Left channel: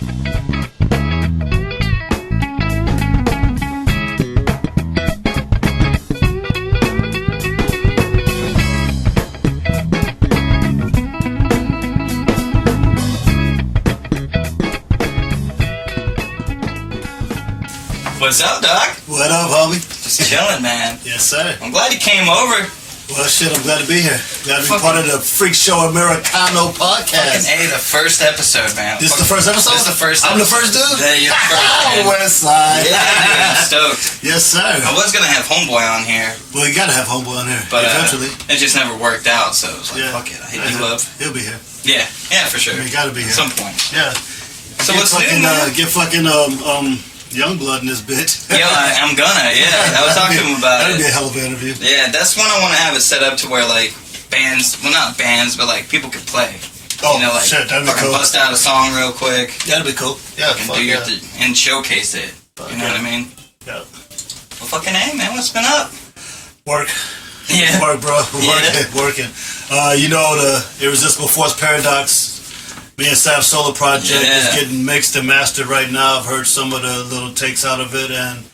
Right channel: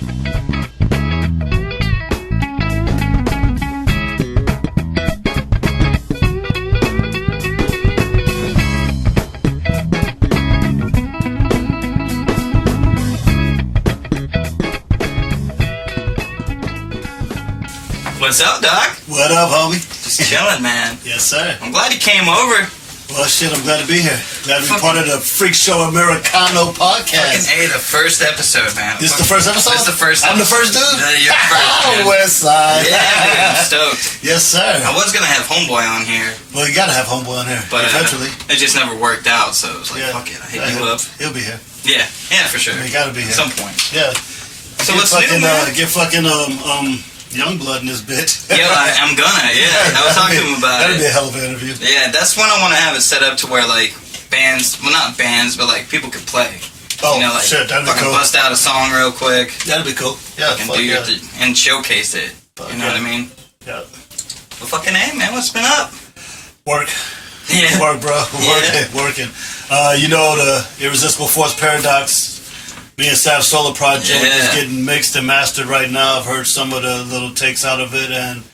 What's up, Doc? What up, homie? Just chilling, man. Yes, sir. I'm glad you came over. Well, shit, I'm glad to be here. Glad to be part of the FreakShow Americano podcast. Fucking A, the first episode, man. This is the first episode? This is the first I'm episode. the first dude? Yeah, you're the first, man. West Side. Yeah, dude, I'm stoked. Yes, sir. I was going to have Homeboy on here. Well, you gotta have Homeboy on here, but eventually. It just never worked out, so it was like, fuck it, I hit you up. He'll be here. Yeah, for sure. He gotta be here. At some point. Yeah. So what's new, man? Get fucking, Youngblood in this bitch. Yeah, I'm gonna. Yeah, I was talking to him about That'd it. be a hell of an interview. Yeah, that's when I want to have it set up to where like bands, well not bands, but like people could play. Oh, you know, like, shit, that'd be fucking cool. bust out a song real quick. That'd be cool. Yeah, And fuck do yeah. and showcase it. You know what I mean? Yeah. Well, fucking A, man, what's been up? Work. Yeah. Work, bro. Working. You know, the Irresistible Force Paradox, me and Sav's solo project is getting mixed and mastered right now. I've heard some of the little takes out of it, and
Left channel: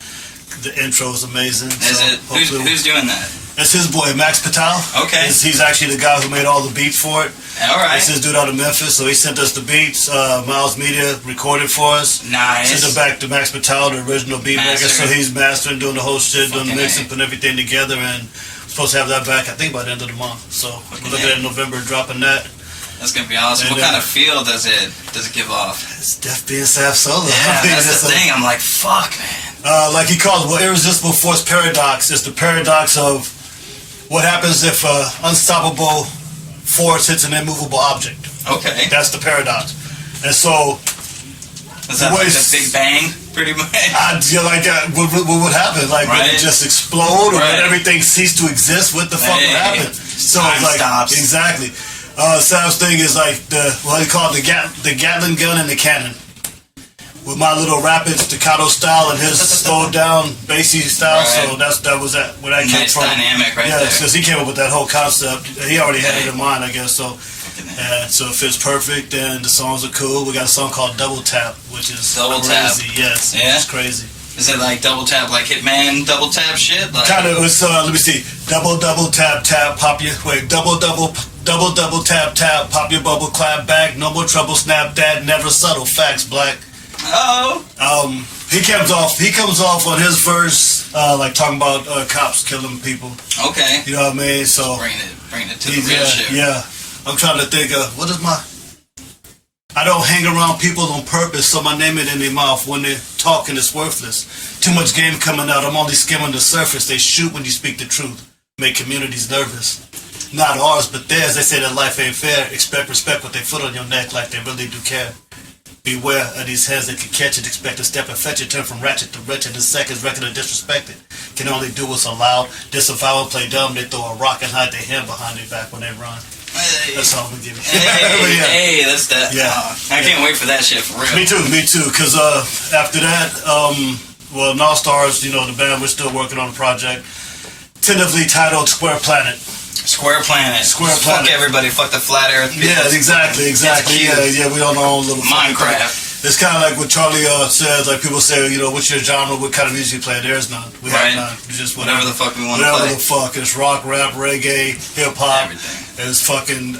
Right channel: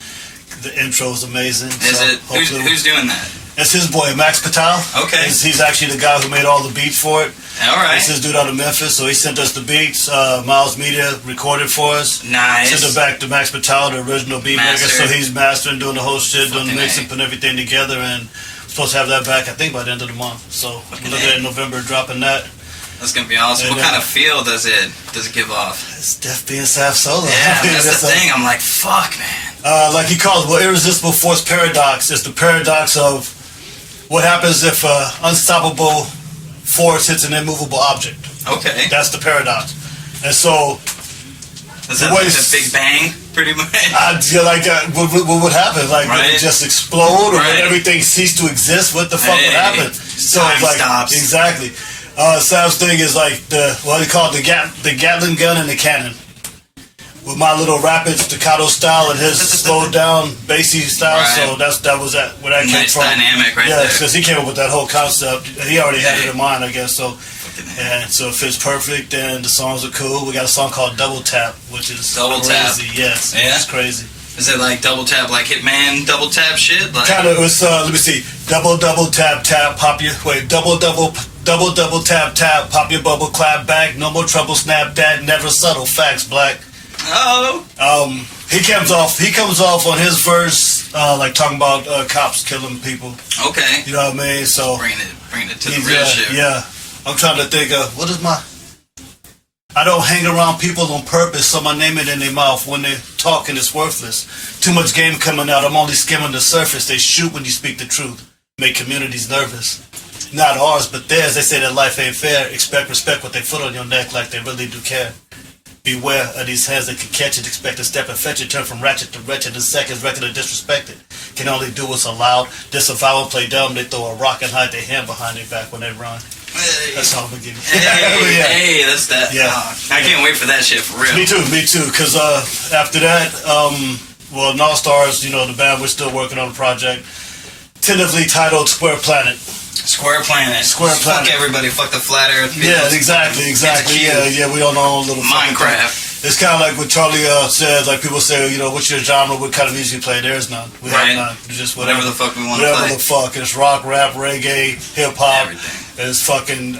the intro is amazing. Is it? Who's doing that? It's his boy, Max Patel. Okay. He's actually the guy who made all the beats for it. All right. It's his dude out of Memphis, so he sent us the beats. Miles Media recorded for us. Nice. Sent it back to Max Patel, the original beat maker. So he's mastering, doing the whole shit, doing the mixing, putting everything together, and we're supposed to have that back, I think, by the end of the month. So we're looking at November, dropping that. That's gonna be awesome. What kind of feel does it give off? It's Def being Sav Solo. Yeah, that's the thing. I'm like, fuck, man. Like he calls it, well, Irresistible Force Paradox. It's the paradox of what happens if unstoppable force hits an immovable object. Okay. That's the paradox. And so... Is that like the Big Bang, pretty much? Like, what would happen? Like, would it just explode, or would everything cease to exist? What the fuck would happen? So time it's like, stops. Exactly. Sav's thing is like what he called the Gatling gun and the cannon. With my little rapid staccato style and his slowed down bassy style, so that was where that came from. Dynamic, right there. Yeah, because he came up with that whole concept. He already had it in mind, I guess. So, and so it fits perfect, and the songs are cool. We got a song called Double Tap, which is crazy. Yes, it's crazy. Is it like double tap, like Hitman double tap shit? Like? Kind of. It's let me see. Double tap tap, pop your double tap, pop your bubble, clap back, no more trouble, snap that, never subtle, facts, black. Oh. He comes off on his verse, like talking about cops killing people. Okay. You know what I mean? So bring it to the real shit. Yeah. I'm trying to think of what is my. I don't hang around people on purpose, so my name it in their mouth. When they're talking, it's worthless. Too much game coming out. I'm only skimming the surface. They shoot when you speak the truth. Make communities nervous. Not ours, but theirs. They say that life ain't fair. Expect respect with their foot on your neck like they really do care. Beware of these hands that can catch it. Expect a step and fetch it. Turn from ratchet to wretched in seconds. Record of disrespected. Can only do what's allowed. Disavow and play dumb. They throw a rock and hide their hand behind their back when they run. Hey. That's all I'm gonna give you. Hey, that's that. Yeah. I can't wait for that shit for real. Me too. Because after that, North Stars, you know, the band, we're still working on a project, tentatively titled Square Planet. Square Planet. Fuck everybody. Fuck the flat Earth. Yeah, exactly. Yeah. We on our own little Minecraft. It's kind of like what Charlie says. Like people say, you know, what's your genre? What kind of music you play? There's none. We have none. Just whatever the fuck we want to play. Whatever the fuck. It's rock, rap, reggae, hip hop. Everything. It's fucking.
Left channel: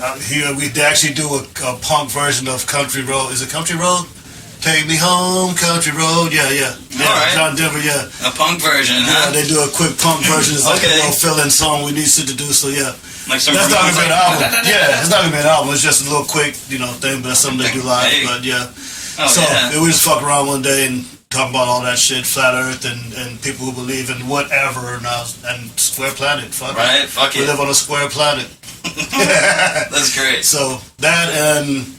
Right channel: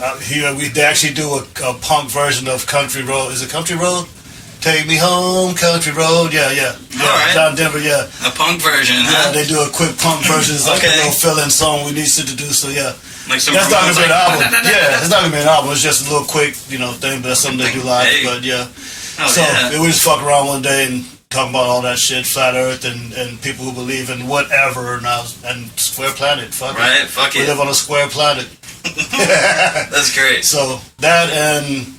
They actually do a punk version of Country Road. Is it Country Road? Take me home, country road. Yeah. All right. John Denver. Yeah. A punk version, huh? Yeah, they do a quick punk version. It's like a little fill-in song we need to do. So yeah. Like some. That's not gonna be an album. Yeah, it's not gonna be an album. It's just a little quick, thing. But that's something they do live. But yeah. We just fuck around one day and talk about all that shit, flat Earth, and people who believe in whatever now, and Square Planet. Fuck it. Fuck it. We live on a square planet. That's great. So that, and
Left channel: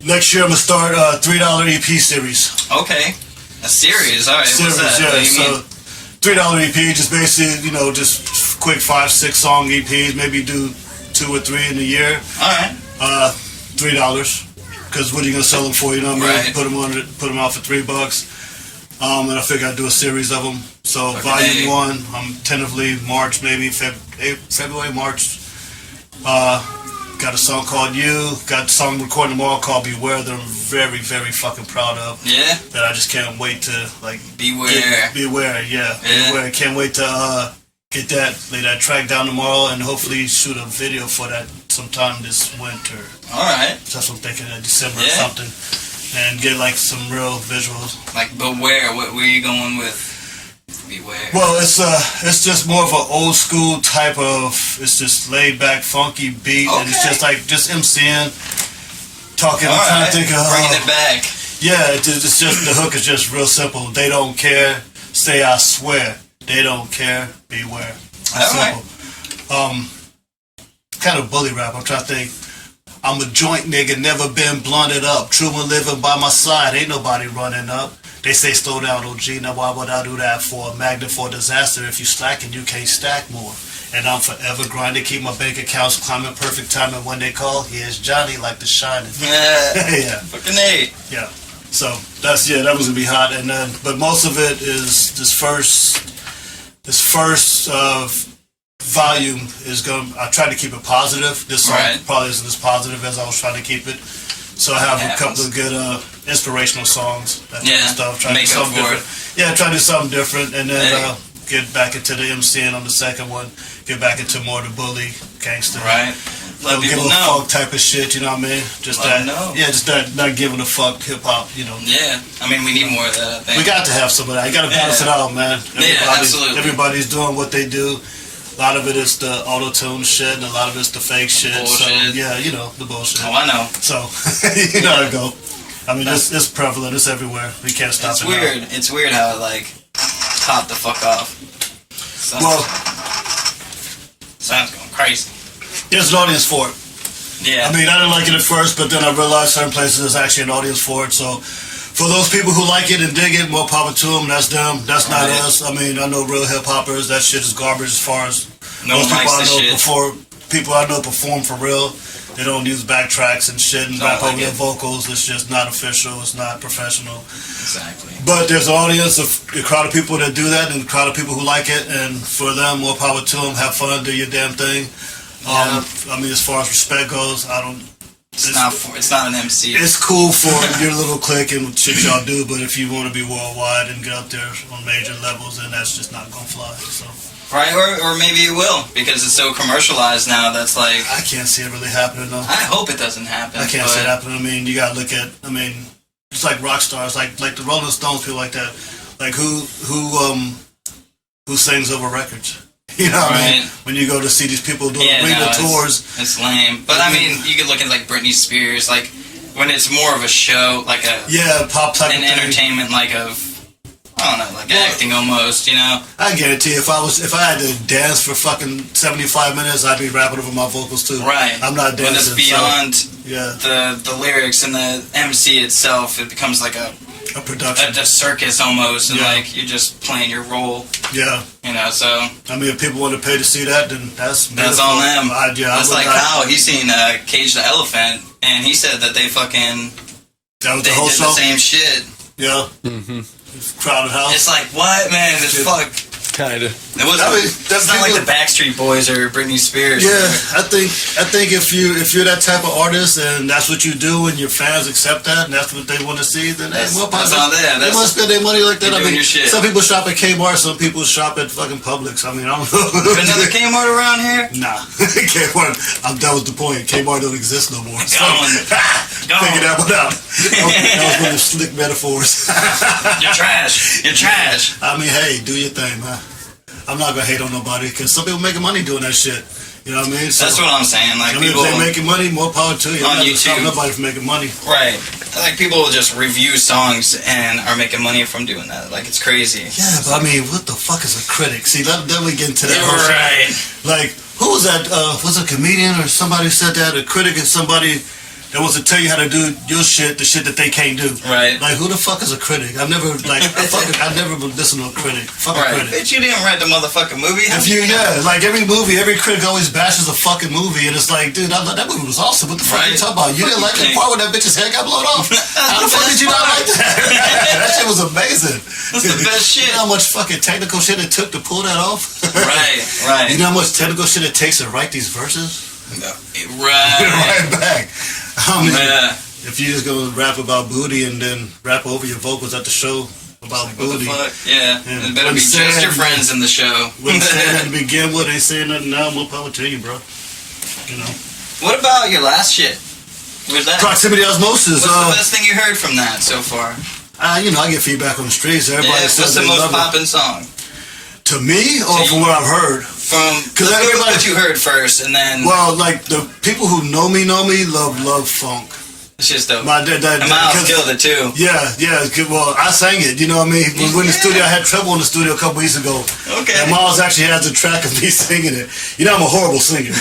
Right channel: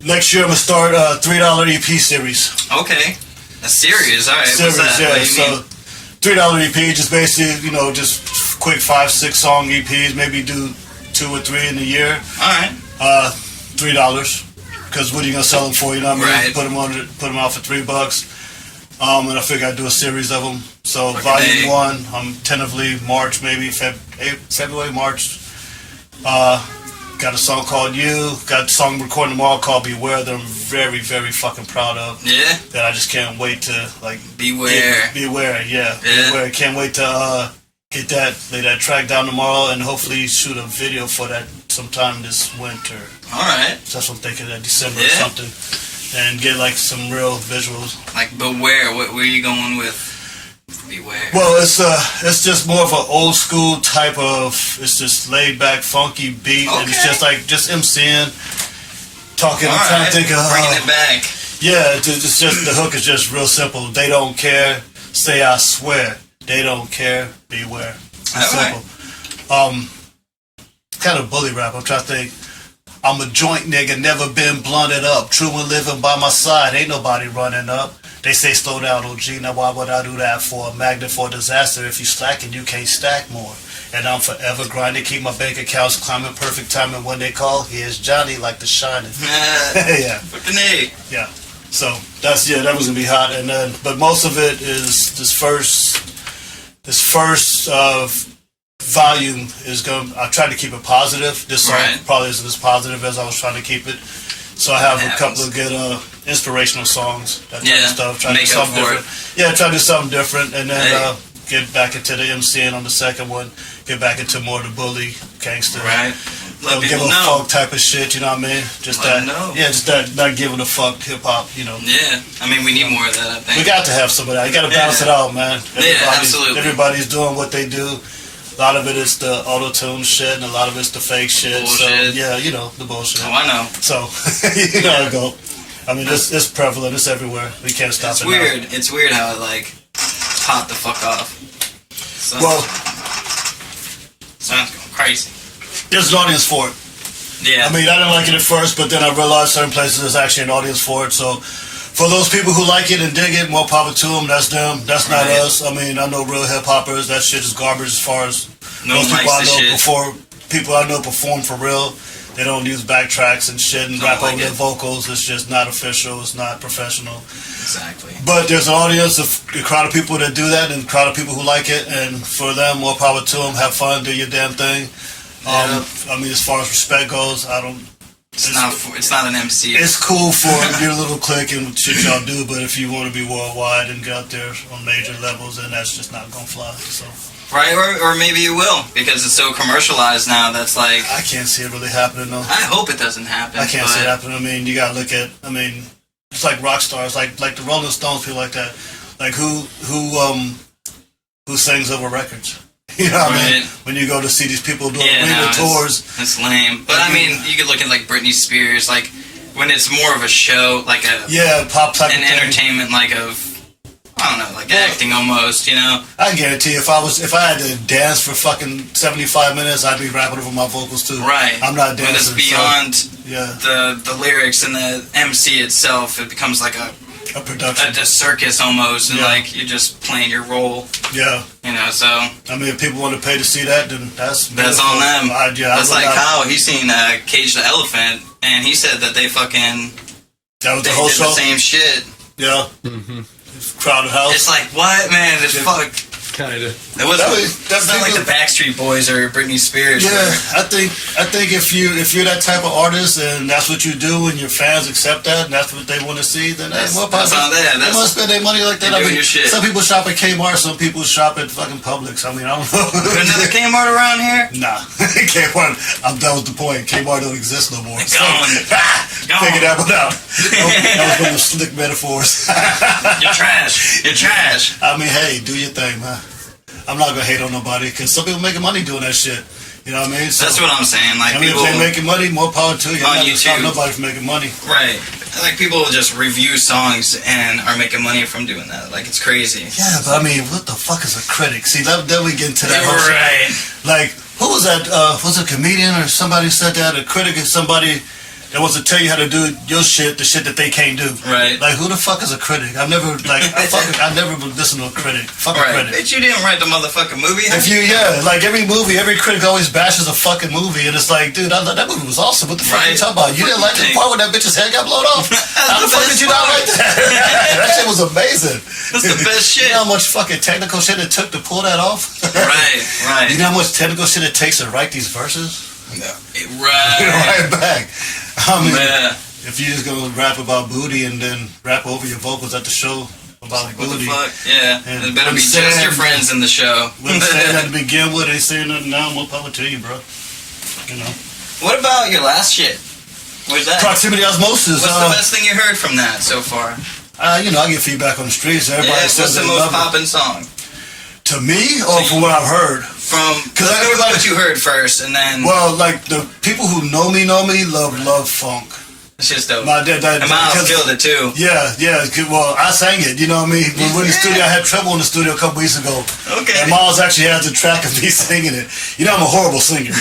next year I'm gonna start a $3 EP series. Okay. A series, alright. What's that? Yeah. So $3 EP, just basically, just quick 5-6 song EPs. Maybe do 2 or 3 in a year. Alright. $3. Because what are you gonna sell them for? You know what I mean? Right. Put them out for $3. And I figure I'd do a series of them. So volume 1, tentatively March, maybe February, March. Got a song called You. Got a song recording tomorrow called Beware that I'm very, very fucking proud of. Yeah. That I just can't wait to like. Beware. Beware, yeah. Beware. Can't wait to get lay that track down tomorrow and hopefully shoot a video for that sometime this winter. Alright. So that's what I'm thinking, that December or something. And get like some real visuals. Like Beware, what were you going with? Beware. Well, it's just more of an old school type of, it's just laid back, funky beat, and it's just like MCing, talking. I'm trying to think of bringing it back. Yeah, it's just the hook is just real simple. They don't care. Say I swear. They don't care. Beware. It's simple. Kind of bully rap. I'm trying to think. I'm a joint nigga, never been blunted up. True and living by my side, ain't nobody running up. They say slow down, OG, now why would I do that for? A magnet for disaster, if you slacking, you can't stack more. And I'm forever grinding, keep my bank accounts climbing, perfect timing when they call. Here's Johnny like the Shining. Yeah. Fucking A. Yeah. So, that was gonna be hot. And then, but most of it is this first volume is going. I tried to keep it positive. This song probably isn't as positive as I was trying to keep it. So I have a couple of good inspirational songs. That type of stuff. Try to do something different. Yeah, try to do something different, and then get back into the MCing on the second one. Get back into more of the bully gangster. Right. Let give people a know. fuck type of shit. You know what I mean? Just Let that. them know. Yeah, just that. Not giving a fuck hip hop. You know. Yeah. I mean, we need more of that. I think We got to have some of that. You got to balance it out, man. Absolutely. Everybody's doing what they do. A lot of it is the auto-tune shit, and a lot of it's the fake shit. Bullshit. So, yeah, you know, the bullshit. Oh, I know. So, you know how it go. I mean, it's prevalent. It's everywhere. We can't stop it. It's weird. Now. It's weird how, like, hot the fuck off. Sounds going crazy. There's an audience for it. Yeah. I mean, I didn't like it at first, but then I realized certain places there's actually an audience for it. So, for those people who like it and dig it, more power to them. That's them. That's not us. I mean, I know real hip hoppers. That shit is garbage as far as most people I know perform for real. They don't use backtracks and shit and rap over their vocals. It's just not official. It's not professional. Exactly. But there's an audience of a crowd of people that do that and a crowd of people who like it. And for them, more power to them. Have fun. Do your damn thing. I mean, as far as respect goes, I don't. It's not an MC. It's cool for your little clique and shit y'all do, but if you want to be worldwide and get out there on major levels, then that's just not gonna fly. So. Right, or maybe it will, because it's so commercialized now. That's like I can't see it really happening though. I hope it doesn't happen. I can't see it happening. I mean, you gotta look at. I mean, it's like rock stars, like the Rolling Stones, people like that. Like who sings over records? You know what I mean? When you go to see these people doing arena tours. It's lame. But I mean, you could look at like Britney Spears, like when it's more of a show, like a pop type an of entertainment, like I don't know, like acting almost, you know? I guarantee if I had to dance for fucking 75 minutes, I'd be rapping over my vocals too. Right. I'm not dancing. But it's beyond the lyrics and the MC itself. It becomes like a production. A circus almost, and like you're just playing your role. Yeah. You know, so. I mean, if people want to pay to see that, then that's on them. That's like how he's seen Cage the Elephant, and he said that they fucking. That was the whole show? The same shit. Yeah. Crowded house. It's like, what, man? It's fuck. Kinda. It wasn't. That's not like the Backstreet Boys or Britney Spears. Yeah, I think if you're that type of artist and that's what you do and your fans accept that and that's what they want to see, then that's on them. They want to spend their money like that. I mean, shit. Some people shop at Kmart, some people shop at fucking Publix. I mean, I don't know. There's another Kmart around here? Nah, Kmart. That was the point. Kmart don't exist no more. Gone. Figure that one out. That was one of the slick metaphors. You're trash. You're trash. I mean, hey, do your thing, man. I'm not gonna hate on nobody because some people making money doing that shit. You know what I mean? So, that's what I'm saying. Like people, if they making money, more power to you. On YouTube, nobody from making money. Right. Like people will just review songs and are making money from doing that. Like it's crazy. Yeah, but I mean, what the fuck is a critic? See, then we get into that. Right. Like, who was that? Was it a comedian or somebody said that? A critic is somebody that wants to tell you how to do your shit, the shit that they can't do. Right. Like, who the fuck is a critic? I've never listened to a critic. Fuck a critic. Bitch, you didn't write the motherfucking movie. Like every critic always bashes a fucking movie, and it's like, dude, that movie was awesome. What the fuck are you talking about? You didn't like the part where that bitch's head got blown off? How the fuck did you not like that? That shit was amazing. That's the best shit. You know how much fucking technical shit it took to pull that off? Right. You know how much technical shit it takes to write these verses? Right. right back. I mean, Yeah. if you just gonna rap about booty and then rap over your vocals at the show about Like, booty, what the fuck? Yeah. And It better when be just said- your friends in the show. when saying that to begin with, ain't saying nothing now. More power to you, bro. You know. What about your last shit? Where's that? Proximity Osmosis. What's the best thing you heard from that so far? You know, I get feedback on the streets. Everybody Yeah, says what's the they most love it. poppin' song? To me, or So from what I've heard? From, let's go with everybody- what you heard first, and then Well, like the people who know me love funk. it's just dope. My dad, And Miles killed it too. Yeah. Well, I sang it. You know what I mean? When we're in the studio, I had trouble in the studio a couple weeks ago. Okay. And Miles actually has a track of me singing it. You know, I'm a horrible singer.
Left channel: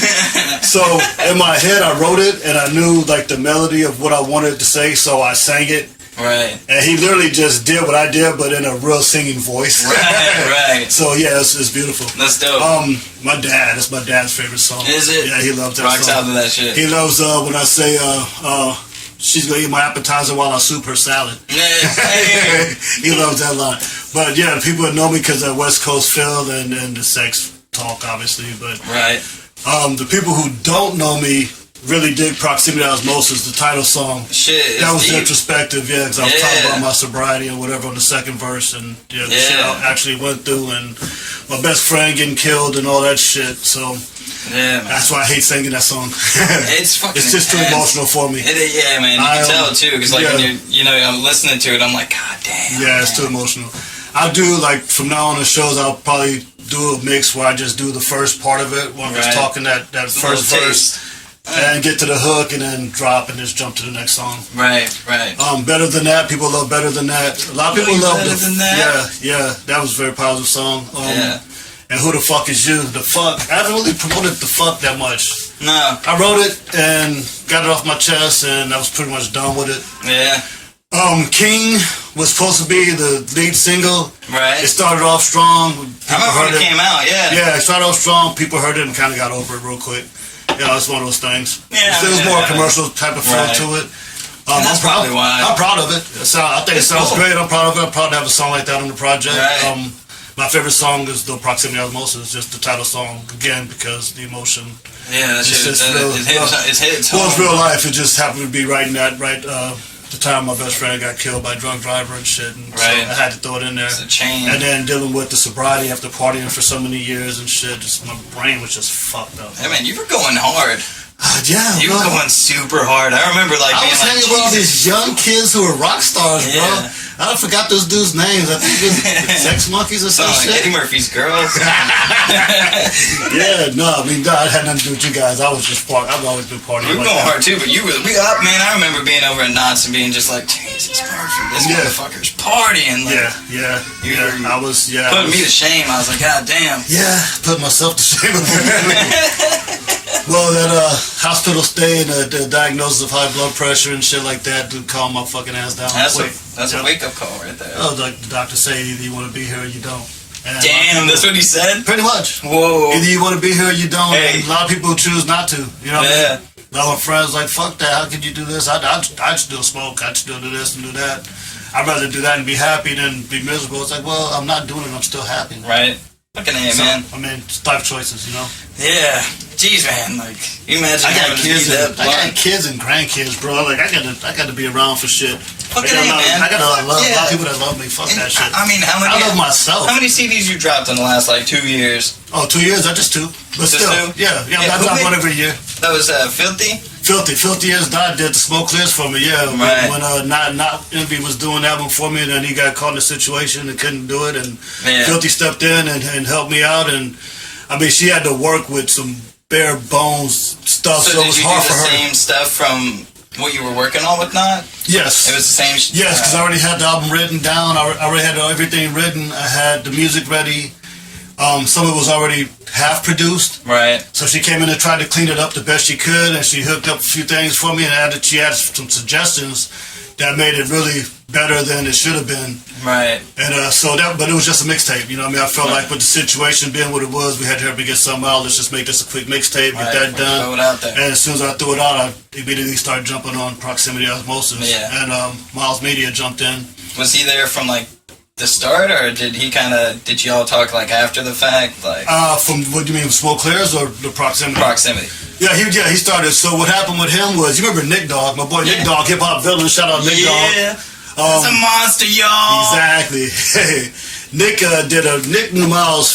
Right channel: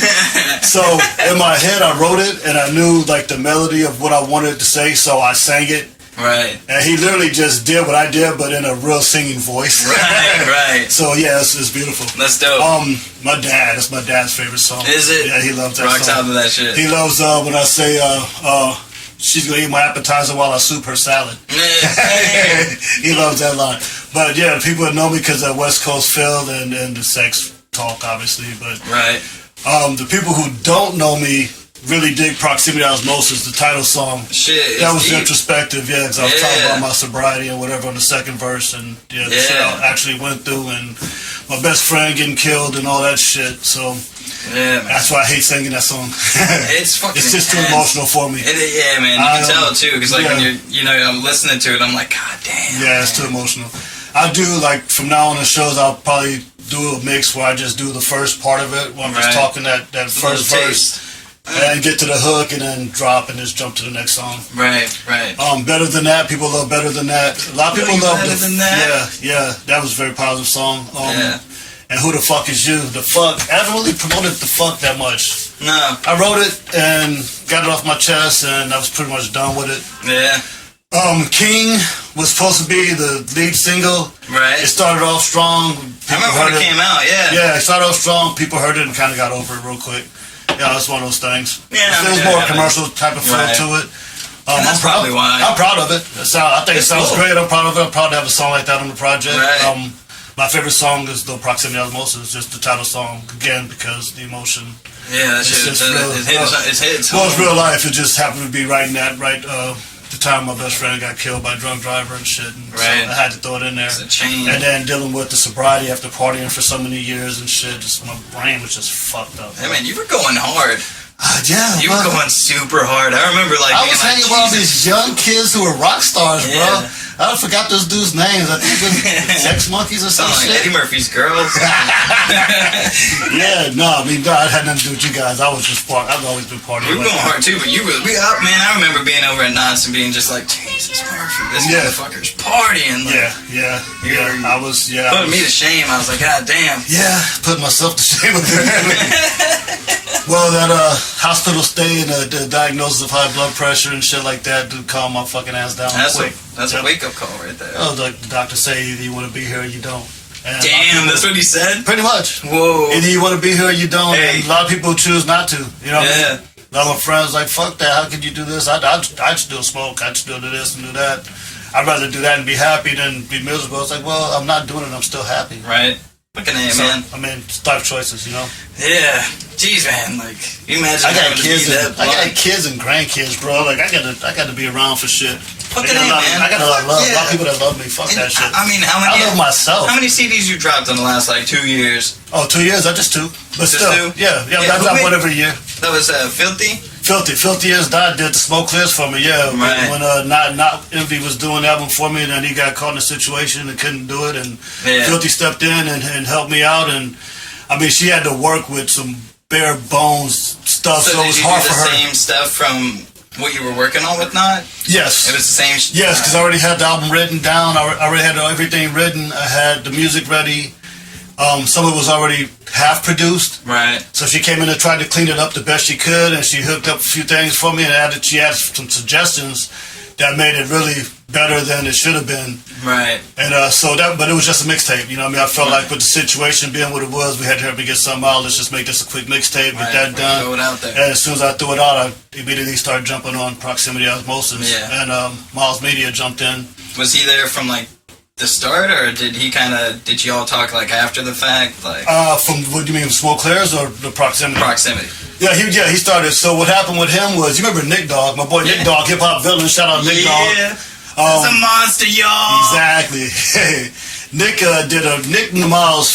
So in my head, I wrote it, and I knew like the melody of what I wanted to say, so I sang it. Right. And he literally just did what I did, but in a real singing voice. Right. So yeah, it's beautiful. That's dope. That's my dad's favorite song. Is it? Yeah, he loves that Rocks song. out to that shit. He loves when I say, she's gonna eat my appetizer while I soup her salad. Hey. He loves that line. But yeah, people that know me because of West Coast Phil and the sex talk, obviously. But Right. the people who don't know me really dig Proximity Osmosis, the title song. Shit. That was deep. introspective, yeah, because I was talking Yeah. about my sobriety and whatever on the second verse, and the shit Yeah. I actually went through, and my best friend getting killed and all that shit. So Yeah, man. that's why I hate singing that song. It's fucking It's just too intense. emotional for me. Yeah, man. You can tell too, because like yeah. when I'm listening to it, I'm like, God damn. Yeah, it's too emotional. I do like from now on the shows. I'll probably do a mix where I just do the first part of it, where I'm just Right. talking that first verse, and get to the hook, and then drop, and just jump to the next song. Right. Better Than That. People love Better Than That. A lot of people love Better Than That? Yeah. That was a very positive song. Yeah. And Who the Fuck Is You? The fuck. I haven't really promoted the fuck that much. No. I wrote it and got it off my chest, and I was pretty much done with it. Yeah. King was supposed to be the lead single. Right. It started off strong. I remember when it came out. Yeah. Yeah, it started off strong. People heard it and kind of got over it real quick. Yeah, it's one of those things. Yeah, There was yeah, more yeah. commercial type of feel Right. to it. And that's probably why. I'm proud of it. I think It's it sounds cool. great. I'm proud of it. I'm proud to have a song like that on the project. Right. My favorite song is the Proximity Osmosis, just the title song again because the emotion. Yeah, that shit. just real- It hits Well, it's home. real life. It just happened to be right in that the time my best friend got killed by a drunk driver and shit. And Right. so I had to throw it in there. It's a chain. And then dealing with the sobriety after partying for so many years and shit, just my brain was just fucked up. Hey, man, you were going hard. Yeah, You bro. were going super hard. I remember like I being was like, hanging with all Jesus. these young kids who were rock stars, bro. Yeah. I forgot those dudes' names. I think it was Sex Monkeys or some Sound like shit. Eddie Murphy's girls. Yeah, no, I mean, no, it had nothing to do with you guys. I've always been partying. We were like going that. hard too, but we up, man. I remember being over at Knott's and being just like, Jesus, Murphy, this Yeah. motherfucker's partying. Like, Yeah. You- I was, putting me to shame. I was like, God damn. Yeah, put myself to shame. Well, that hospital stay and the diagnosis of high blood pressure and shit like that do calm my fucking ass down quick. That's Yep. a wake up call right there. Oh, like the doctor say either you want to be here or you don't. And Damn, that's what he said. pretty much. Whoa. Either you want to be here or you don't. Hey. And a lot of people choose not to. You know what I Yeah. mean? A lot of my friends like, fuck that. How could you do this? I'd still smoke. I'd still do this and do that. I'd rather do that and be happy than be miserable. It's like, well, I'm not doing it. I'm still happy. Right. Fucking A, So, man. I mean, it's life choices, you know. Yeah. Jeez, man. Like, you imagine I got having to be kids. that I got blunt. kids and grandkids, bro. Like I got to be around for shit. Fucking I got A, man. I got a lot of love. A lot Yeah. of people that love me. Fuck And that shit. I mean, how many? I love myself. How many CDs you dropped in the last like 2 years? Oh, 2 years. I just two. But Just still, two? yeah. Yeah, I who drop made- one every year. That was Filthy. Filthy as died did the smoke clears for me. Yeah, Right. when not Envy was doing the album for me, and then he got caught in a situation and couldn't do it, and Yeah. Filthy stepped in and helped me out. And I mean, she had to work with some bare bones stuff, so, So it did was you hard do for the her. same stuff from what you were working on with Not? Yes, It was the same. Yes, because I already had the album written down. I already had everything written. I had the music ready. Some of it was already half produced. Right. So she came in and tried to clean it up the best she could, and she hooked up a few things for me, and she added some suggestions that made it really better than it should have been. Right. And but it was just a mixtape. You know what I mean? I felt like with the situation being what it was, we had to get something out. Let's just make this a quick mixtape, Right. get that done. Throw it out there. And as soon as I threw it out, I immediately started jumping on Proximity Osmosis. Yeah. And Miles Media jumped in. Was he there from like the start, or did y'all talk like after the fact? Like From what do you mean, Smoke Clears or the Proximity? Proximity. Yeah, he started. So what happened with him was, you remember Nick Dogg, my boy Nick Dogg, hip hop villain. Shout out Nick Dogg. That's a monster, y'all. Exactly. Hey, Nick Nick knew Miles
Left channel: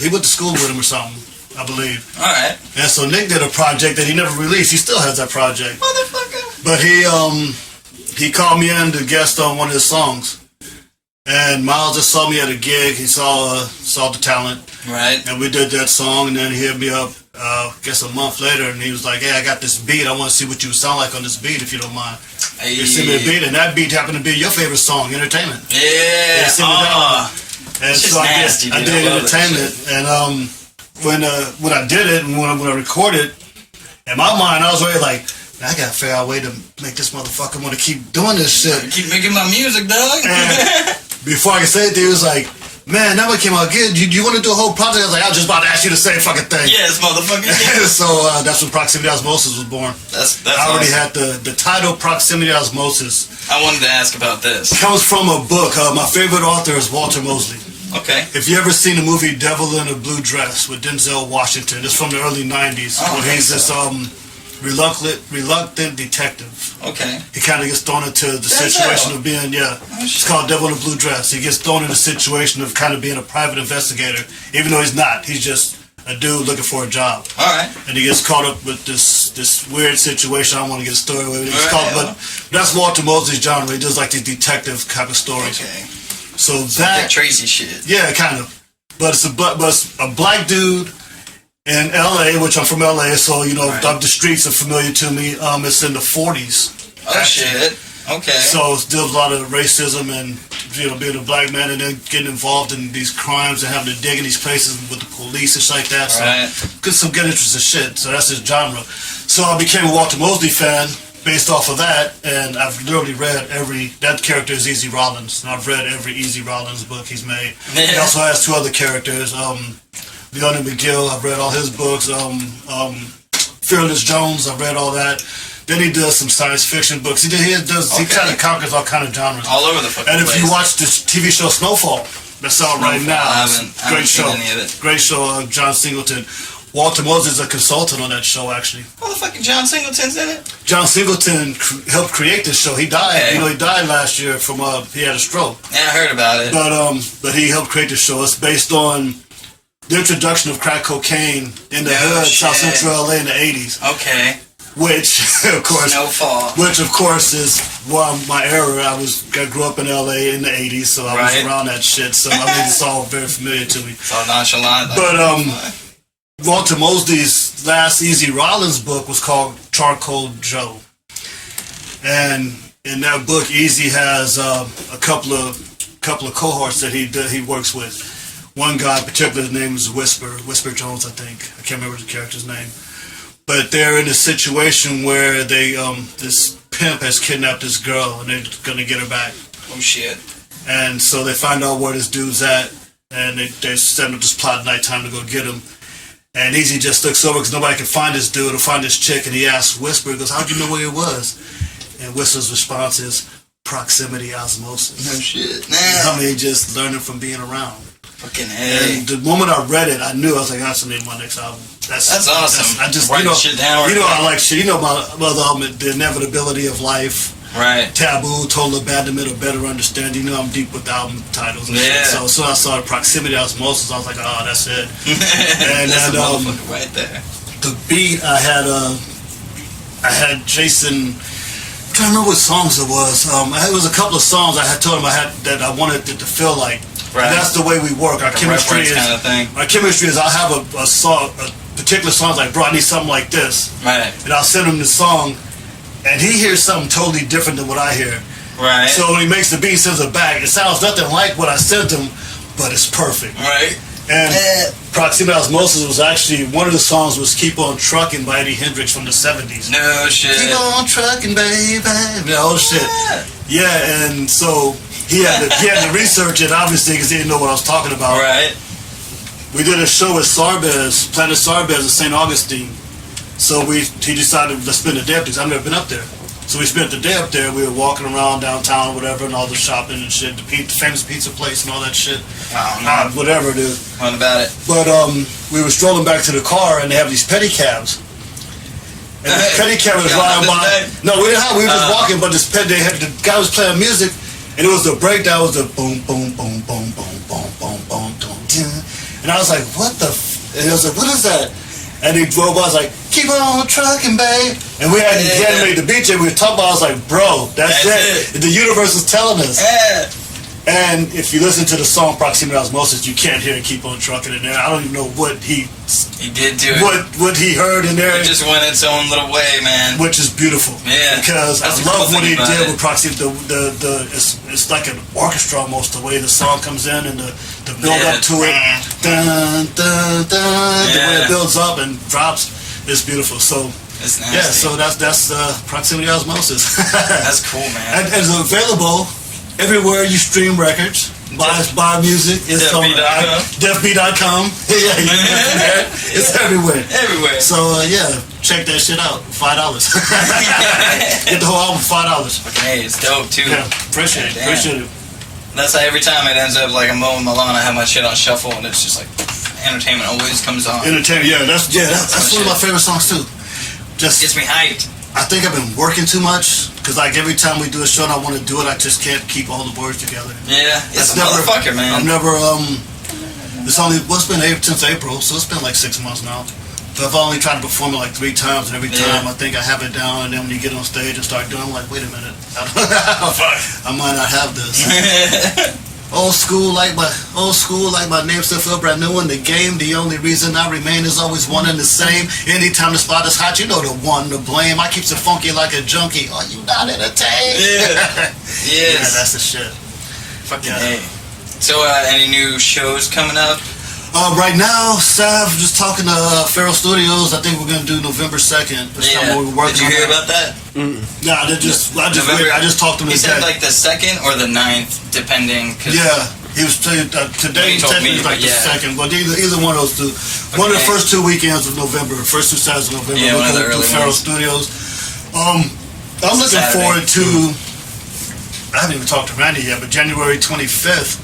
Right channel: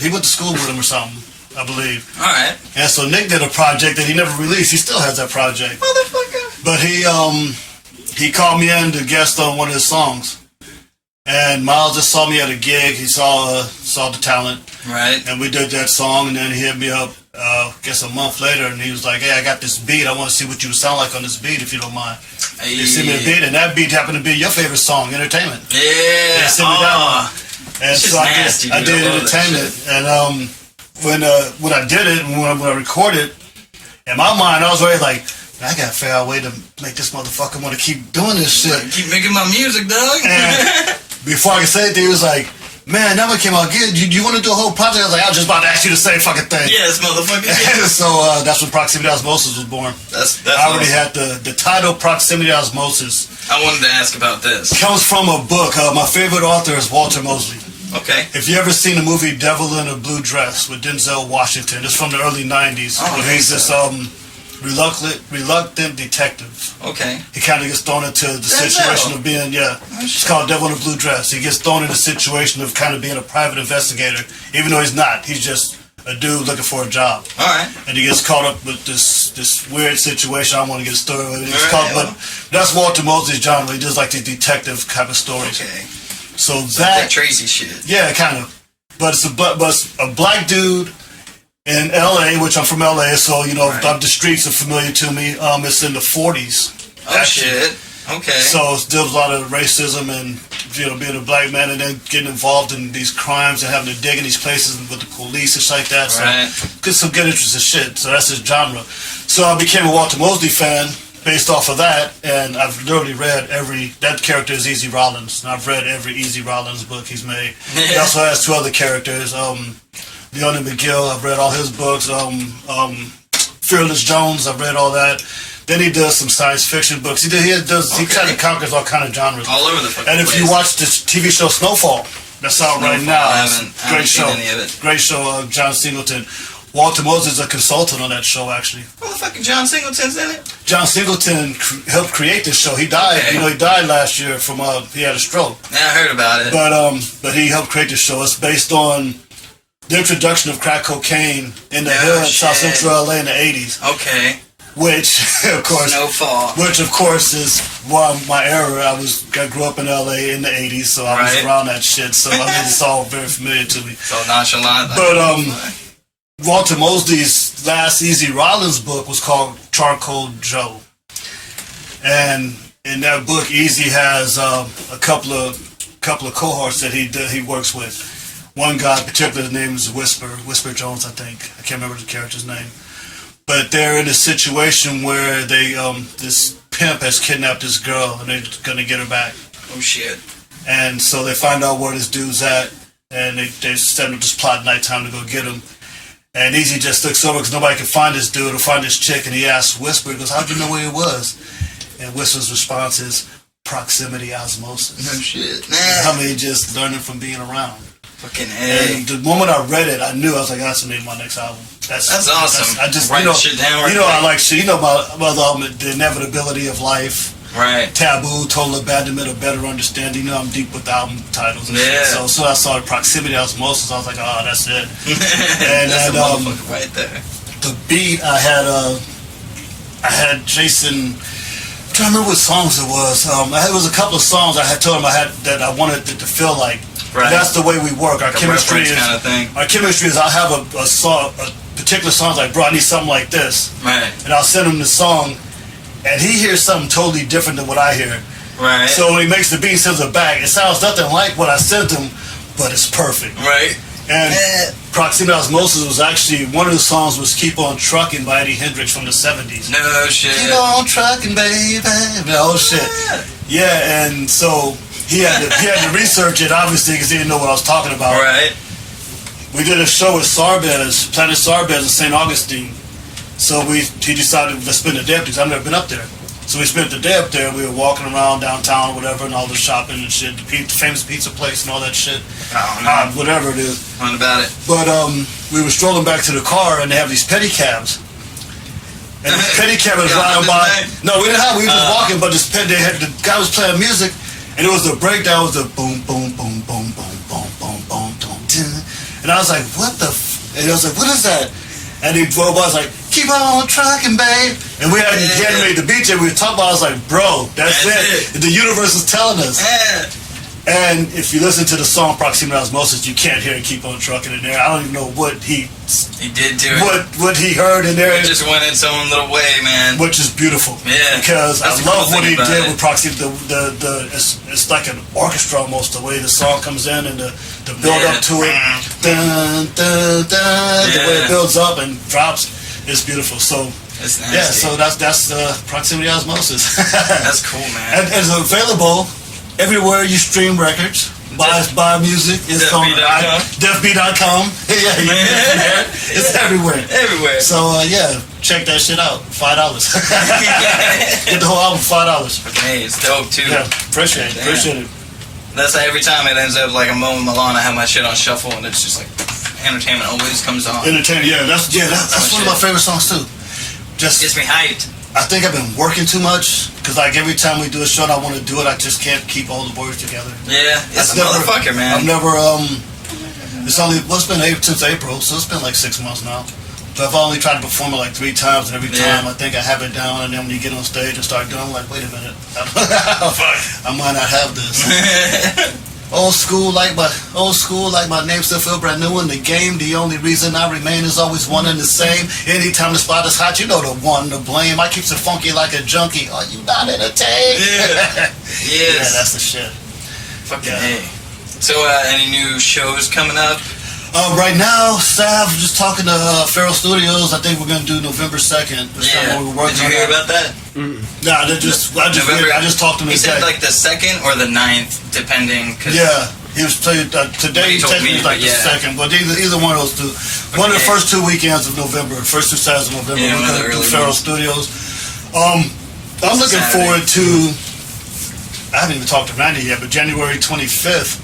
he went to school with him or something, I believe. All right. And so Nick did a project that he never released. He still has that project. Motherfucker. But he called me in to guest on one of his songs. And Miles just saw me at a gig. He saw the talent. Right. And we did that song, and then he hit me up, I guess a month later, and he was like, hey, I got this beat. I want to see what you sound like on this beat, if you don't mind. Hey. They sent me the beat, and that beat happened to be your favorite song, Entertainment. Yeah. They sent me that one. And so nasty, I did Entertainment. And when I did it, and when I recorded, in my mind, I was already like, I gotta figure out a way to make this motherfucker want to keep doing this shit. Keep making my music, dog. And before I could say it, he was like, man, that one came out good. You want to do a whole project? I was like, I was just about to ask you the same fucking thing. Yes, motherfucker. Yeah. So that's when Proximity Osmosis was born. That's I already awesome. had the title Proximity Osmosis. I wanted to ask about this. Comes from a book. My favorite author is Walter Mosley. Okay. If you ever seen the movie Devil in a Blue Dress with Denzel Washington, it's from the early 90s. Oh, where he's this reluctant detective. Okay. He kind of gets thrown into the Denzel. situation of being, it's called Devil in a Blue Dress. He gets thrown in the situation of kind of being a private investigator, even though he's not. He's just a dude looking for a job. All right. And he gets caught up with this weird situation. I don't want to get a story with it. Right. But that's Walter Mosley's genre. He does like these detective type of stories. Okay. So That Tracy shit. yeah, kind of. But it's a black dude in L.A., which I'm from L.A., so, Right. the streets are familiar to me. It's in the 40s. Oh, shit. Okay. So it's still a lot of racism and, being a black man and then getting involved in these crimes and having to dig in these places with the police and shit like that. Right. So, some good interesting shit. So that's his genre. So I became a Walter Mosley fan based off of that, and I've literally read that character is Easy Rollins, and I've read every Easy Rollins book he's made. Yeah. He also has two other characters, Leonard McGill, I've read all his books, Fearless Jones, I've read all that. Then he does some science fiction books. He kind of conquers all kind of genres. All over the fucking And if place. you watch this TV show Snowfall, that's out right now. I It's haven't a great seen show. any of it. Great show, John Singleton. Walter Mosley is a consultant on that show, actually. Motherfucking John Singleton's in it? John Singleton helped create this show. He died. Okay. He died last year from he had a stroke. Yeah, I heard about it. But he helped create the show. It's based on the introduction of crack cocaine in the hood, South shit. Central LA in the 80s. Okay. Which, of course, Snowfall. is my era. I grew up in LA in the 80s, so I was Right. around that shit. So I mean, it's all very familiar to me. It's all nonchalant. But Walter Mosley's last Easy Rollins book was called Charcoal Joe, and in that book, Easy has a couple of cohorts that he works with. One guy in particular, his name is Whisper Jones, I think. I can't remember the character's name. But they're in a situation where this pimp has kidnapped this girl, and they're gonna get her back. Oh, shit. And so they find out where this dude's at, and they're setting up this plot at nighttime to go get him. And Easy just looks over because nobody can find this dude or find this chick, and he asks Whisper, he goes, how'd you know where he was? And Whisper's response is, proximity osmosis. No shit. I mean, just learning from being around. Fucking A. And the moment I read it, I knew I was like, that's the name of my next album. That's awesome. I just, Write shit down. I like shit. About the inevitability of life. Right. Taboo, total abandonment, or better understanding. I'm deep with the album titles and shit. So I saw Proximity Osmosis. I was like, oh, that's it. And that's the motherfucker right there. The beat, I had Jason. I'm trying to remember what songs it was. It was a couple of songs I had told him that I wanted it to feel like. Right. And that's the way we work. Our chemistry is kind of thing. Our chemistry is I'll have a song, a particular song like, bro, I need something like this. Right. And I'll send him the song, and he hears something totally different than what I hear. Right. So when he makes the beat, he sends it back. It sounds nothing like what I sent him, but it's perfect. Right. And Proximity Osmosis was actually, one of the songs was Keep On Truckin' by Eddie Hendrix from the 70s. No shit. Keep on trucking, baby. Oh shit. Yeah, and so he had to research it, obviously, because he didn't know what I was talking about. Right. We did a show with Sarbez, Planet Sarbez in St. Augustine. So he decided, let's spend the day up there, because I've never been up there. So we spent the day up there. We were walking around downtown or whatever, and all the shopping and shit, the famous pizza place and all that shit. Oh, man. Whatever it is. What about it? But we were strolling back to the car, and they have these pedicabs. and the petty cameras riding by. No, we didn't have. We were just walking, but the guy was playing music, and it was the breakdown. It was the boom, boom, boom, boom, boom, boom, boom, boom, boom, boom. And I was like, what the? And I was like, what is that? And he drove by. I was like, keep on trucking, babe. And we had made the beach, and we were talking about. I was like, bro, that's it. The universe is telling us. Yeah. And if you listen to the song Proximity Osmosis, you can't hear it keep on trucking in there. I don't even know what he did to it. What he heard in there. It just went its own little way, man. Which is beautiful. Yeah. Because I love what he did with Proximity. It's like an orchestra almost, the way the song comes in and the build up to it. Dun, dun, dun, the way it builds up and drops. It's beautiful. So it's nasty. yeah, so that's Proximity Osmosis. That's cool, man. And it's available everywhere you stream records. Buy music. It's on deafbeat.com. Yeah, it's everywhere. Everywhere. So yeah, check that shit out. $5. Get the whole album for $5. Hey, it's dope too. Yeah, appreciate it. That's how every time it ends up like I'm mowing my lawn, I have my shit on shuffle, and it's just like entertainment always comes on. Entertainment, yeah. That's one of my favorite songs too. Just gets me hyped. I think I've been working too much because like every time we do a show and I want to do it, I just can't keep all the words together. Yeah, it's a motherfucker, man. I've never it's only it's been since April, so it's been like 6 months now. So I've only tried to perform it like 3 times, and every time I think I have it down, and then when you get on stage and start doing, I'm like, wait a minute, I might not have this. Old school like my name still feel brand new in the game. The only reason I remain is always one and the same. Anytime the spot is hot, you know the one to blame. I keeps it funky like a junkie. Are you not entertained? Yeah. Yes. Yeah, that's the shit. Fucking A. So any new shows coming up? Right now, Sav just talking to Feral Studios. I think we're gonna do November 2nd. Yeah. Did you hear about that? Nah, I just talked to him. He said like the 2nd or the 9th, depending. Yeah, he was telling today. He told me like the 2nd, but either one of those two. One of the first 2 weekends of November, first 2 Saturdays of November. Yeah, we're gonna do Feral Studios. I'm looking forward to. I haven't even talked to Randy yet, but January 25th.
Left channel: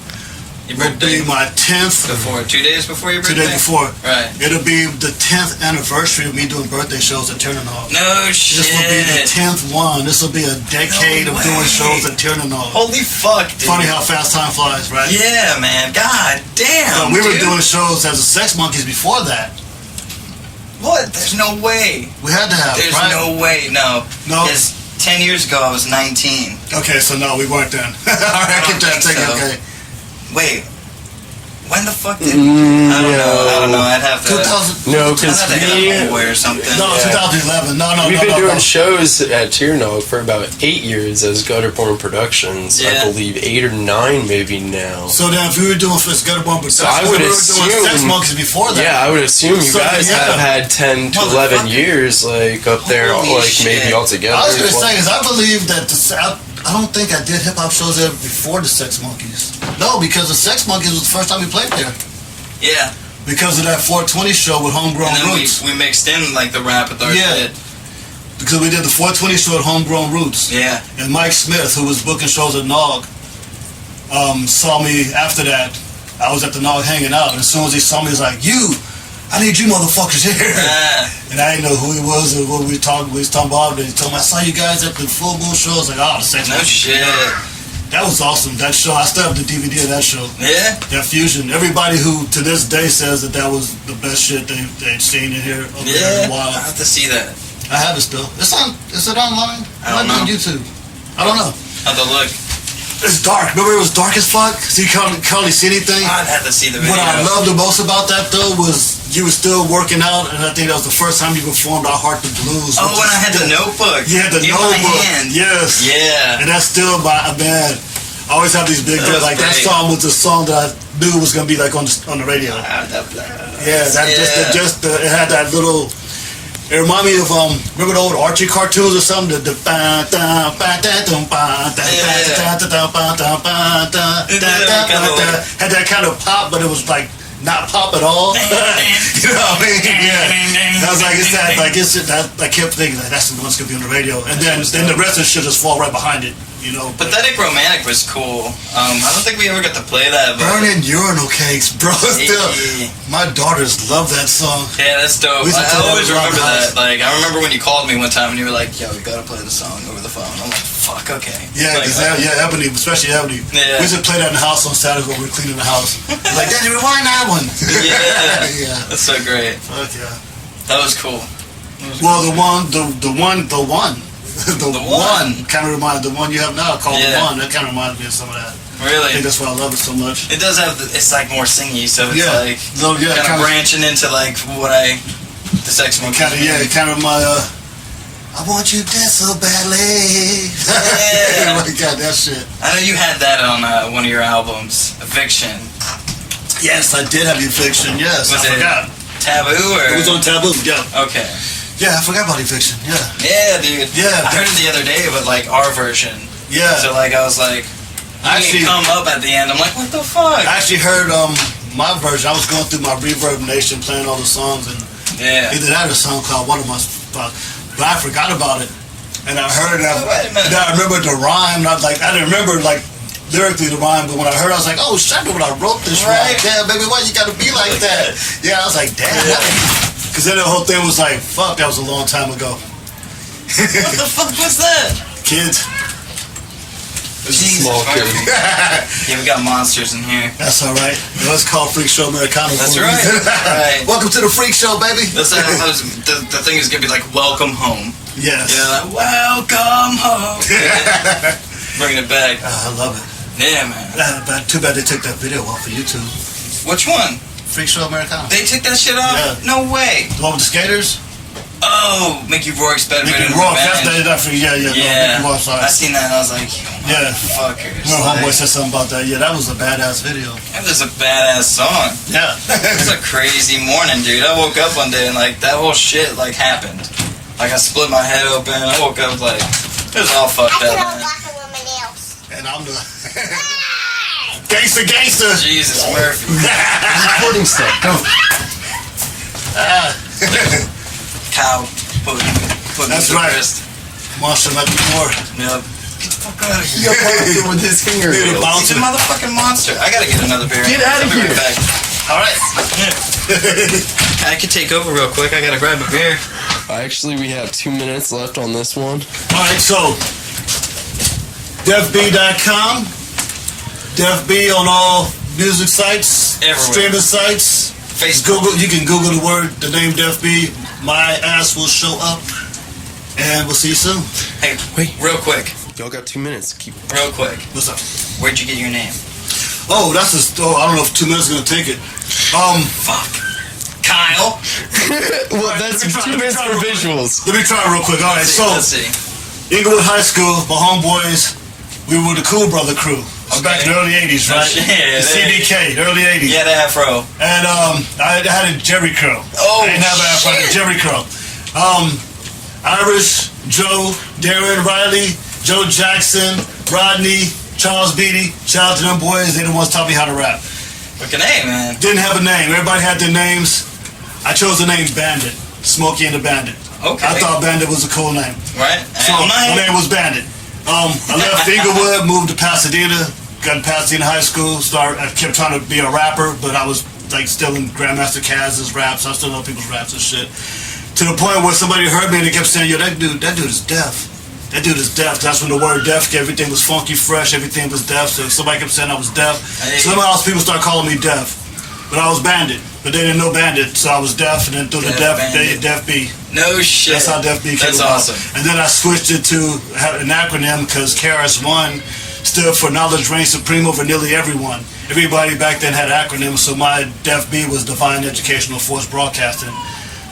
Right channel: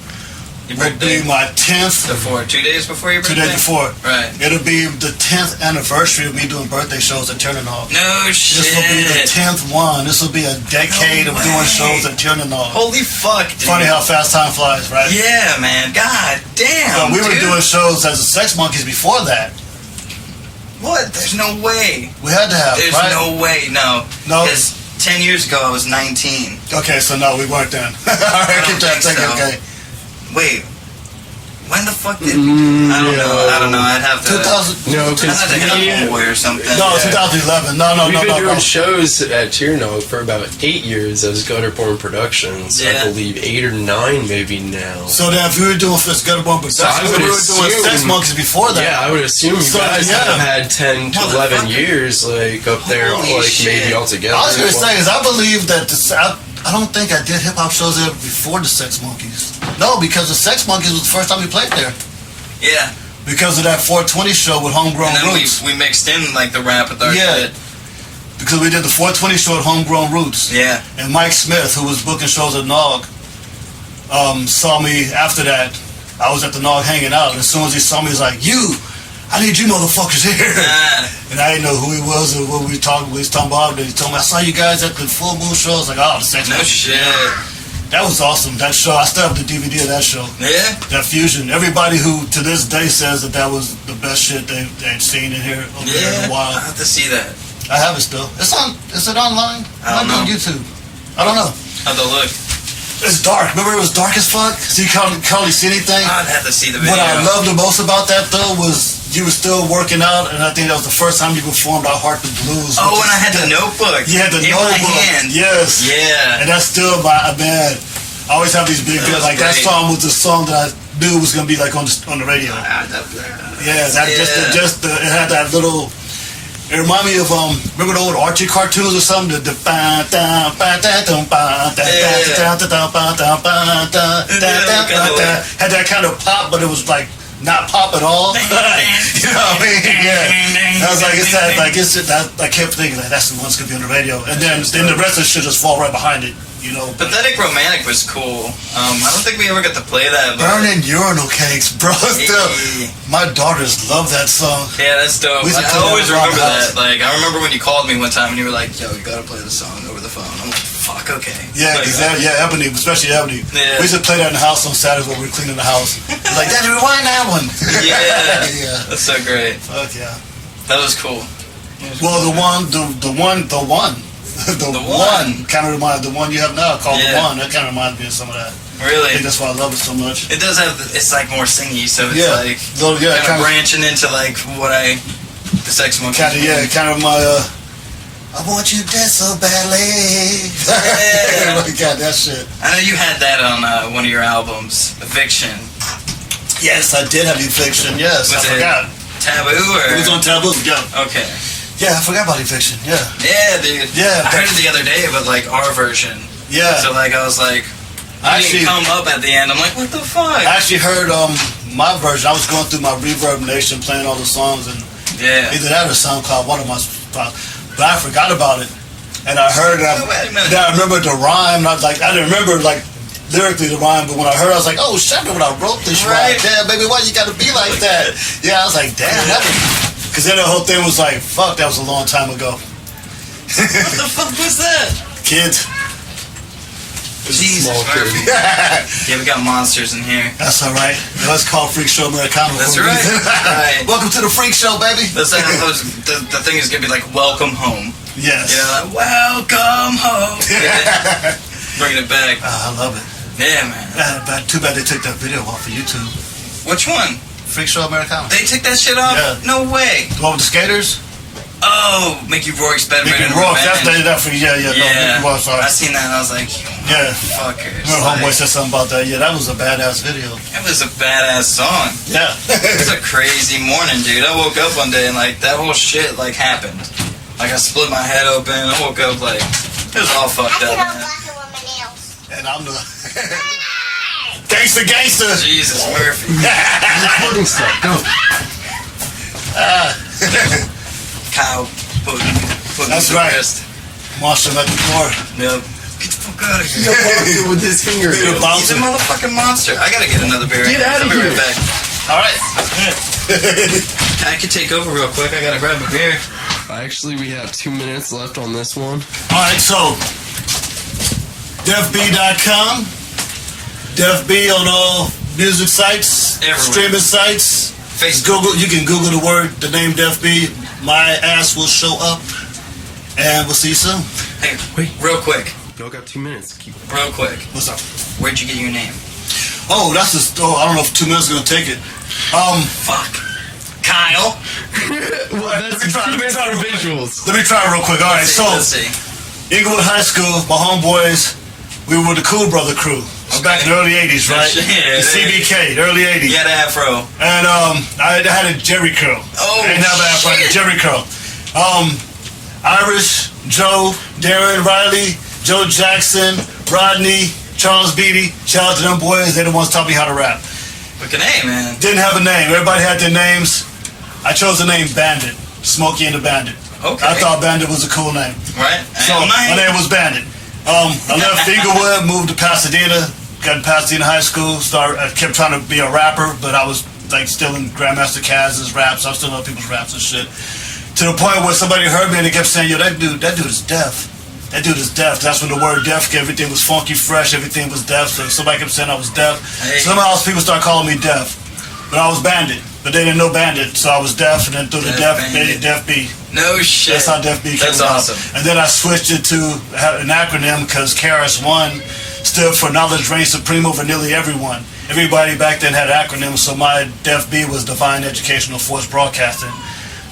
Will be my 10th. 2 days before your birthday? 2 days before. Right. It'll be the 10th anniversary of me doing birthday shows at Tiernanog. No shit. This will be the 10th one. This will be a decade of doing shows at Tiernanog. Holy fuck, dude. Funny how fast time flies, right? Yeah, man. God damn, we were doing shows as the Sex Monkeys before that. What? There's no way. We had to have, There's right? no way, no. No. Because 10 years ago, I was 19. Okay, so no, we weren't then. All right, I keep that thinking, okay. Wait. When the fuck did... I don't know. I'd have to... 2000... No, because I'd have to have or something. No, 2011. No. We've been doing shows at Tiernanog for about 8 years as GutterBorn Productions. I believe 8 or 9 maybe now. So then if we were doing GutterBorn Productions, we were doing Sex Monkeys before that. Yeah, I would assume you guys have had 10 to 11 years like up there, maybe all together. I was going to say is I believe that I don't think I did hip-hop shows there before the Sex Monkeys. No, because the Sex Monkeys was the first time we played there. Yeah. Because of that 420 show with Homegrown Roots. We mixed in like the rap with our shit. Because we did the 420 show at Homegrown Roots. Yeah. And Mike Smith, who was booking shows at Nog, saw me after that. I was at the Nog hanging out. And as soon as he saw me, he was like, I need you motherfuckers here. And I didn't know who he was or what we was talking about. But he told me, I saw you guys at the Full Moon show. I was like, oh, the Sex Monkeys. No shit. That was awesome. That show, I still have the DVD of that show. Yeah? That fusion. Everybody who to this day says that was the best shit they've seen in here over there in a while. I have to see that. I have it still. Is it online? I don't know. On YouTube. I don't know. I'll have to look. It's dark. Remember it was dark as fuck? So you can't hardly see anything? I'd have to see the video. What I loved the most about that though was you were still working out, and I think that was the first time you performed I Heart the Blues. Oh, when I had the notebook. You had the notebook. In my hand. Yes. Yeah. And that's still man. I always have these big that song was the song that I knew was gonna be like on the radio. Yeah, it had that little. It reminded me of remember the old Archie cartoons or something? Had that kind of pop, but it was like not pop at all. You know what I mean? Yeah. I was like, I kept thinking like that's the one that's gonna be on the radio, and then the rest of the shit just fall right behind it. you know. Pathetic Romantic was cool. I don't think we ever got to play that. But Burning Urinal Cakes, bro. Still, my daughters love that song. Yeah, that's dope. We used to I play always that around remember the house. that. Like, I remember when you called me one time and you were like, "Yo, we gotta play the song over the phone." I'm like, "Fuck, okay." Yeah, Like, exactly. Yeah, Ebony, especially Ebony. Yeah. We used to play that in the house on Saturdays when we were cleaning the house. Like, Daddy, rewind that one. Yeah, Yeah. that's so great. Fuck yeah. That was cool. Well, the one. The one kind of reminds the one you have now called Yeah. The One. That kind of reminds me of some of that. I Really, think that's why I love it so much. it does have. It's like more singy, so it's Yeah. like So, yeah, kind of branching into like the sex one. Kind of, yeah, kind of my. I want you dead so badly. Yeah. Oh my God, that shit. I know you had that on one of your albums, Eviction. Yes, I did have Eviction. Yes, Was I it forgot. Taboo or? It was on Taboo. Yeah, Okay. yeah, I forgot about Eviction. Yeah, Yeah, dude. Yeah, I heard it the other day, but like our version. yeah. So like I was like, I you didn't come up at the end. I'm like, what the fuck? I actually heard my version. I was going through my Reverb Nation, playing all the songs, and Yeah. either that or SoundCloud, one of my spots. But I forgot about it, and I heard it. Oh, wait a minute. Then I remembered the rhyme. Not like I didn't remember like lyrically the rhyme, but when I heard, it, I was like, oh shit! When I wrote this Right. rhyme, damn baby, why you gotta be like that? Yeah, I was like, damn. Because then the whole thing was like, fuck, that was a long time ago. What the fuck was that? Kids. Jesus small kid. Murphy. Yeah, we got monsters in here. That's all right. It was called FreakShow Americano. That's for a right. reason. Right. Welcome to the Freak Show, baby. That's like the thing is gonna be like welcome home. Yes. You know, like welcome home. Yeah. Bringing it back. I love it. Yeah, man. But too bad they took that video off of YouTube. Which one? FreakShow Americano. They took that shit off? Yeah. No way. The one with the skaters? Oh, Mickey Rourke's bed Mickey ridden Rourke. That's revenge. that for yeah. No, Mickey Rourke, sorry. I seen that and I was like, Yeah. fuckers. Remember Like, Homeboy said something about that. Yeah, that was a badass video. that was a badass song. Yeah. It was a crazy morning, dude. I woke up one day and like that whole shit like happened. Like I split my head open. I woke up like it was all fucked up, man. And I'm the gangster. Jesus Murphy. Recording stuff. Go. Cow pudding. That's right. Monster like before. Yep. Get the fuck out of Yo, here. fuck with his finger. Dude, nails. bounce. He's a motherfucking monster. I gotta get another beer. Get outta I'll be here. right back. All right. I could take over real quick. I gotta grab a beer. Actually, we have 2 minutes left on this one. All right, so defb.com, defb on all music sites, Everywhere. streaming sites. Just Google. You can Google the name defb. My ass will show up, and we'll see you soon. Hey, Wait. real quick. Y'all got 2 minutes. Keep. Real quick. What's up? Where'd you get your name? Oh, that's just. Oh, I don't know if 2 minutes is gonna take it. Fuck. Kyle. Well, that's let me try- 2 let me minutes try for real- visuals. Let me try it real quick. All right, so Let's see. Inglewood High School, my homeboys, we were the Cool Brother crew. It's back in the early '80s, right? Shit, The CDK, early '80s. You had an afro. And I had a Jerry curl. Oh, I didn't have an afro, I had a shit. Jerry curl. Irish, Joe, Darren, Riley, Joe Jackson, Rodney, Charles Beatty. Shout out to them boys. They're the ones taught me how to rap. Look at name, man. Didn't have a name. Everybody had their names. I chose the name Bandit. Smokey and the Bandit. Okay. I thought Bandit was a cool name. Right? So my name was Bandit. I left Inglewood, moved to Pasadena, got in Pasadena High School. I kept trying to be a rapper, but I was like still in Grandmaster Caz's raps. I still know people's raps and shit. To the point where somebody heard me and they kept saying, "Yo, that dude is deaf. That dude is deaf." That's when the word deaf, everything was funky, fresh, everything was deaf. So somebody kept saying I was deaf. Hey. Somehow else people started calling me deaf. But I was Bandit. But they didn't know Bandit, so I was deaf, and then through the Deaf deaf, Bandit. Deaf B. No shit. That's how Def B came That's about. awesome. And then I switched it to have an acronym because KRS-One stood for Knowledge Reigns Supreme over nearly everyone. Everybody back then had acronyms, so my Def B was Divine Educational Force Broadcasting.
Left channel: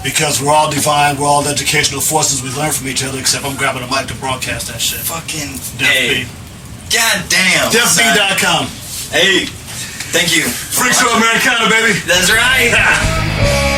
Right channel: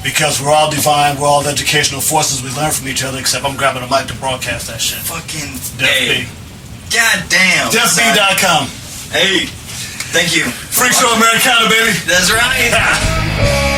Because we're all divine, we're all educational forces, we learn from each other, except I'm grabbing a mic to broadcast that shit. Fucking Def hey. B. God damn. DefB.com. Hey. Thank you. FreakShow Americano, baby. That's right.